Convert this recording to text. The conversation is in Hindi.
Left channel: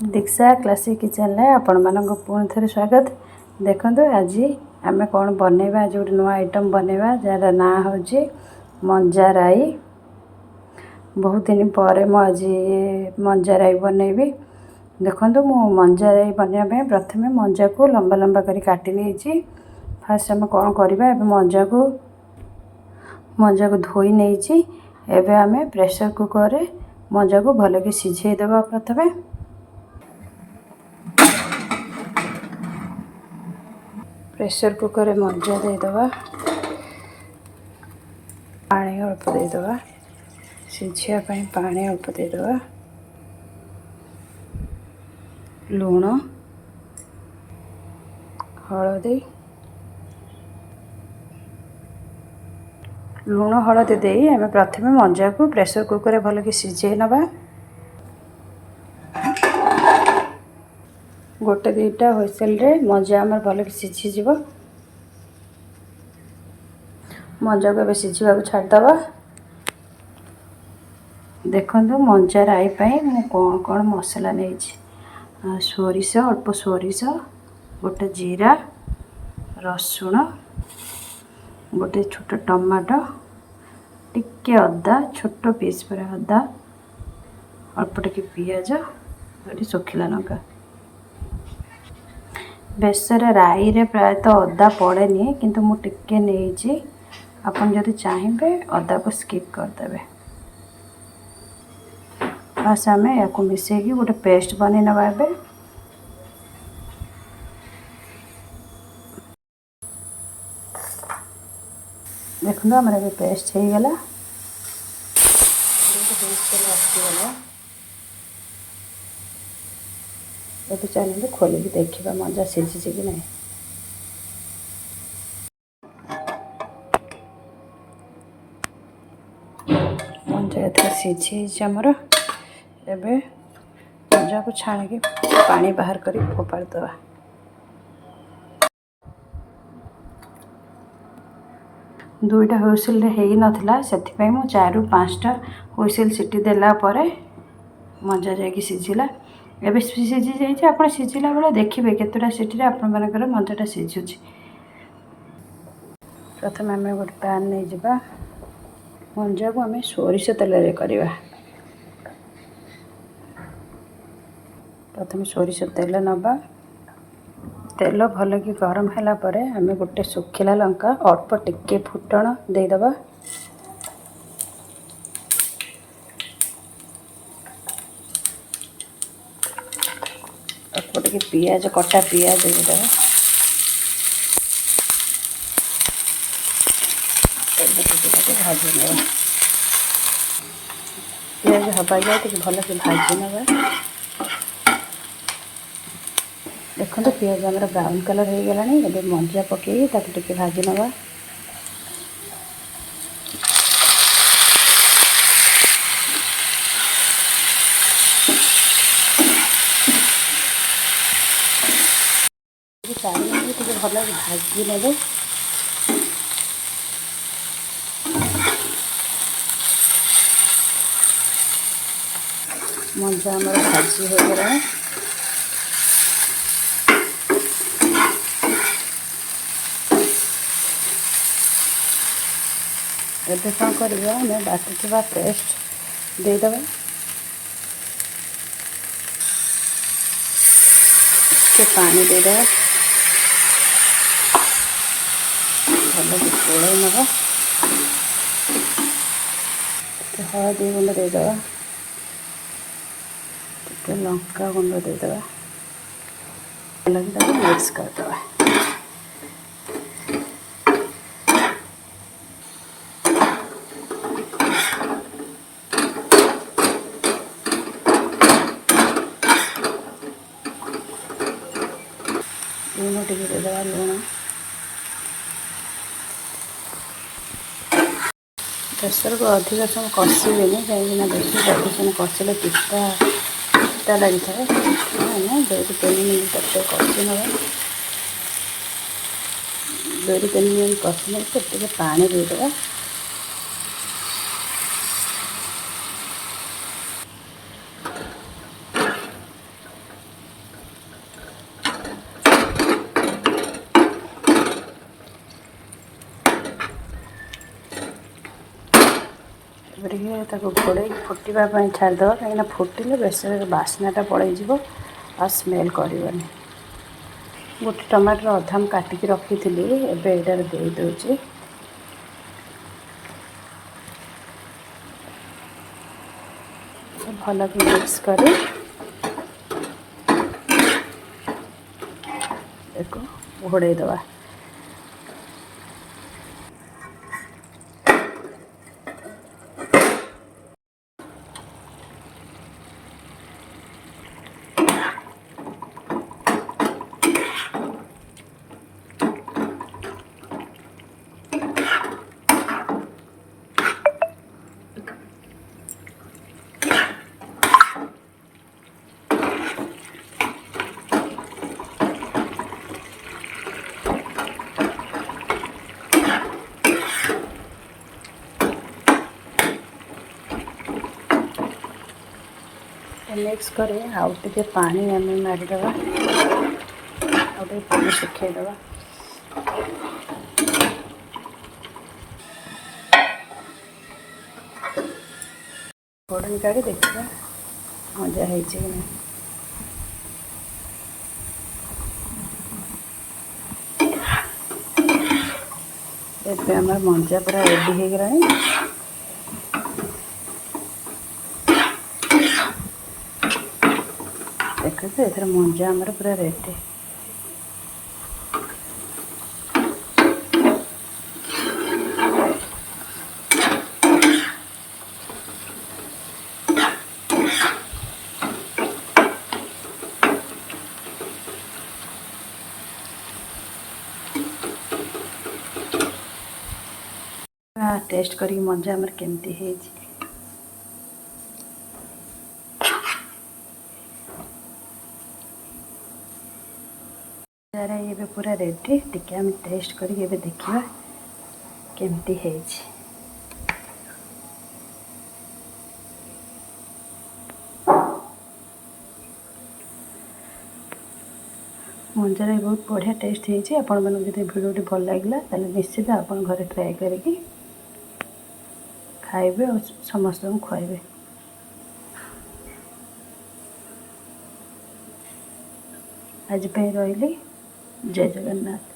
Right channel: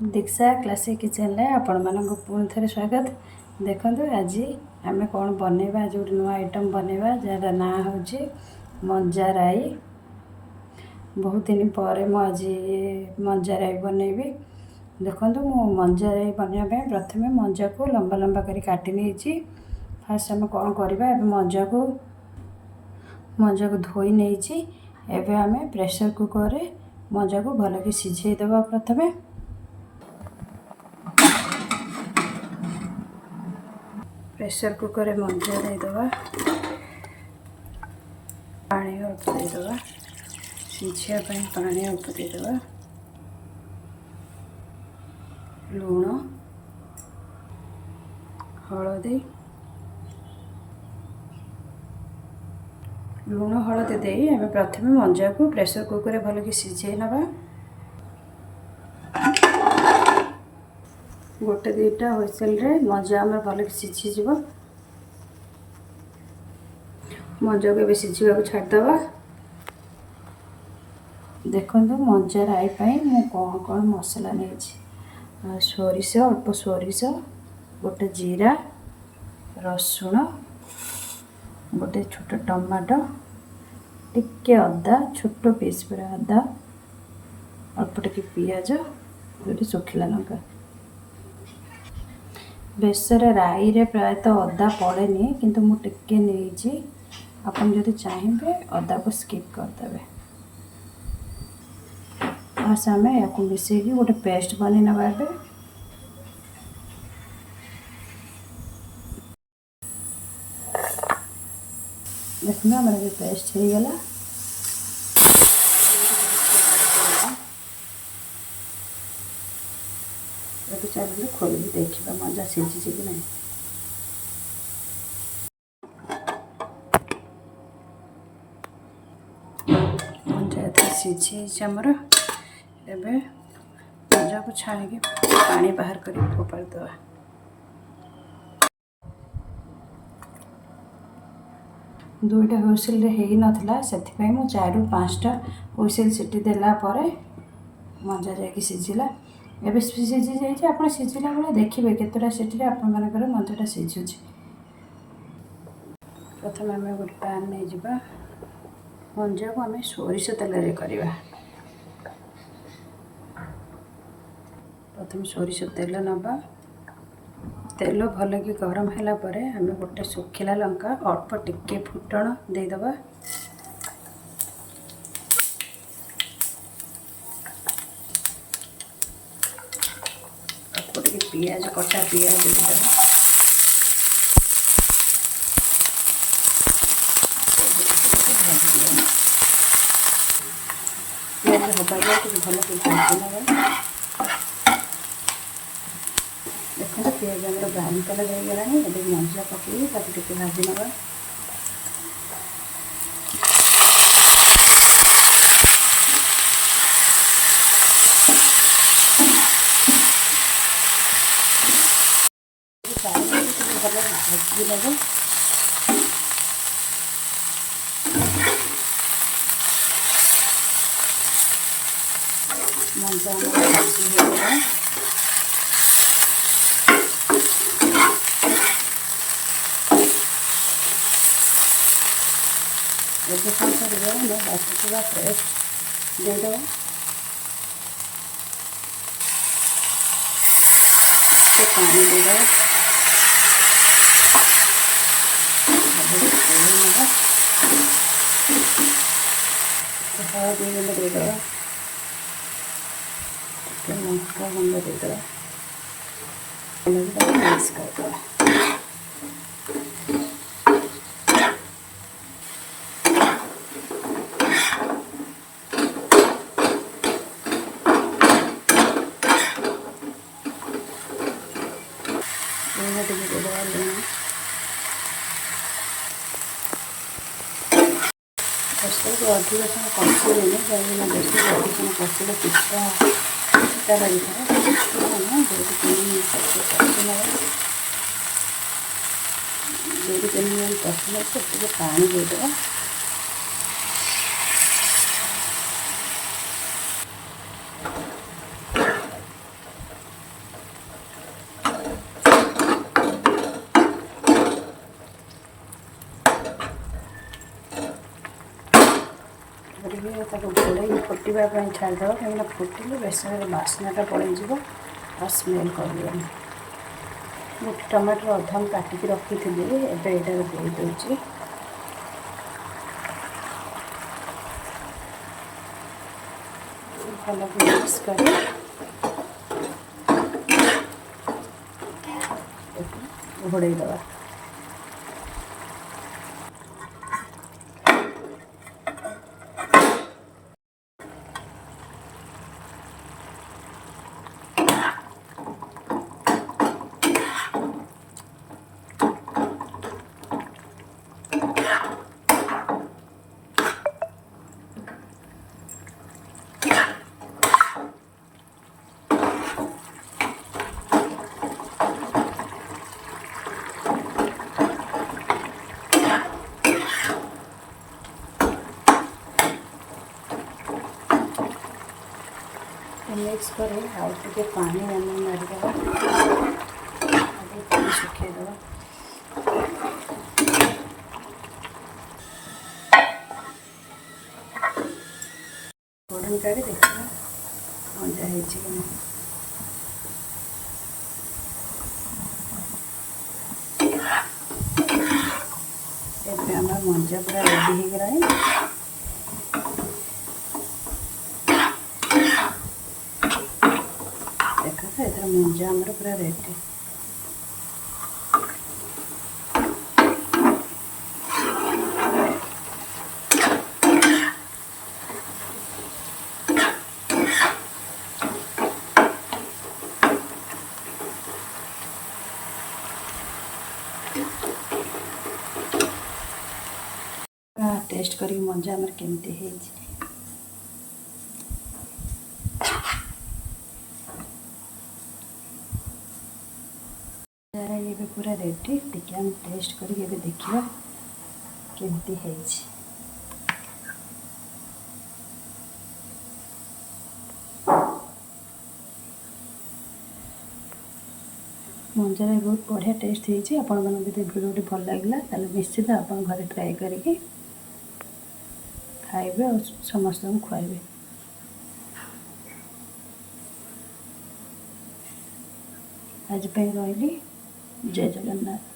दीक्षा क्लासिक किचन रे आपण मानक पुणी थे स्वागत। देखो आज आम कौन बनवा, आज गोटे नुआ आइटम बनवा जार ना हूँ मंजा राई। बहुत दिन पर आज मंजा राई बनैबी। देखो मु मंजा राई बनवाई प्रथम मंजा को लंबा लंबा कर काटी नहीं। फास्ट आम कौन करवा, मंजा को धोई नहीं। एवं आम प्रेशर कुकर रे मंजा को भल कि सिझे देवा। प्रथमे प्रेशर कुकर रे मंजा देदेवा, पानी अल्प देदेवा, सिझापी पानी अल्प देदेवा, लुण हलदी लुण हलदी दे आम प्रथम मंजा को प्रेशर कुकर रे भल कि सिझे नवा। गोटे दुईटा हुइसेल रे मंजा आम भल कि सिझीज। मंजा को सिझा को छाड़दवा। देखो मंजा राई मु कौन कौन मसला नहीं। सोरिष, अल्प सोरिष, गोटे जीरा, रसुण, गोटे छोट टमाटो, टिके अदा, छोट पीस पर अदा, अल्प टिके पियाज, गोटे सुखिला लंका। बेसर राई रे प्रायतः अदा पड़ेनी, किंतु मु टिके नहीं। आपन जदि चाहिए अदा को स्किप करदे। बस आम या मिसेगी गोटे पेस्ट बन नवा। देखो आम पेस्ट हो गला। अब चलते खोलिकी देखा मंजा सिझी कि नहीं। मंजा एथर सिझी आमर। एबे मंजा को छाणिकी पानी बाहर कर फोपाड़ दवा। दुईटा हुइसिल हो नाला से 4 ରୁ 5टा हुइसिल सीटी देला परे मंजा जाकि सिझिला। एबे सिझी जाइए। आप सिझिला बेले देखिए केतटा सीटी आपण मानकर मंजाटा सिझुची। प्रथम आम गोटे पैन नहीं जावा। मंजा को आम सोरिष तेल रे करवा। प्रथम सोरिष तेल नवा। तेल भल कि गरम है परे आम गोटे सुखिला लंका अल्प टिके फुटण देदेवा। अल्प टिके पियाज, कटा पियाज देदेवा। भाजी पियाज हवा जाए भल कि भाजी नवा। देखो पियाज आम ब्राउन कलर हो गला। ये मंजा पकई टे भाजी नवा। भल भाजी ने मंजा आम भाजी हो गला। एबे कौन करवा, आम बाटुवा पेस्ट देदेवा। पानी देदेवा। भल गोल नवा। हलदी गुंड देदेवा। टिके लंका गुंड देदेवा। भल मिक्स करदेवा। लुण टे देदेवा। लुण प्रेशर को अधिक समय कषिबेनि कहीं बेस अधिक समय कषिले पिता लगी था। 2-3 मिनट कषि ना। 2-3 मिनट कषि पानी देदेवा। ଟିକେ ତାକୁ ଘୋड़ेଇକି फुटिबा ପାଇଁ छाड़िदेवा कहीं फुटिले बेसर बास्नाटा पलैଯିव आ स्मेल करनी। गोटे टमाटर अधा मु काटिकी रखी एबे एटार दे दूची भल कि मिक्स कर घोड़े दवा। मिक्स कर आउ टे पानी आम मारिदेवा आउ पानी सुखेदेवा। घोड़नी काढ़ी देखा मजा है कि नहीं। एबे आमर मंजा पूरा रेडी हो गलानी। देख एथर मंजा आमर पूरा रेडी। टेस्ट करी मंजा आमर केमती है। ये पूरा रेडी टिके हम टेस्ट करी देखिए केमती है। मंजार बहुत बढ़िया टेस्ट होती। आपण मन जब भिडियोटी भल लगे ताले निश्चित आप घरे ट्राए करिकी खाइबे और समस्त खुआइबे। आज पे रही जय जगन्नाथ।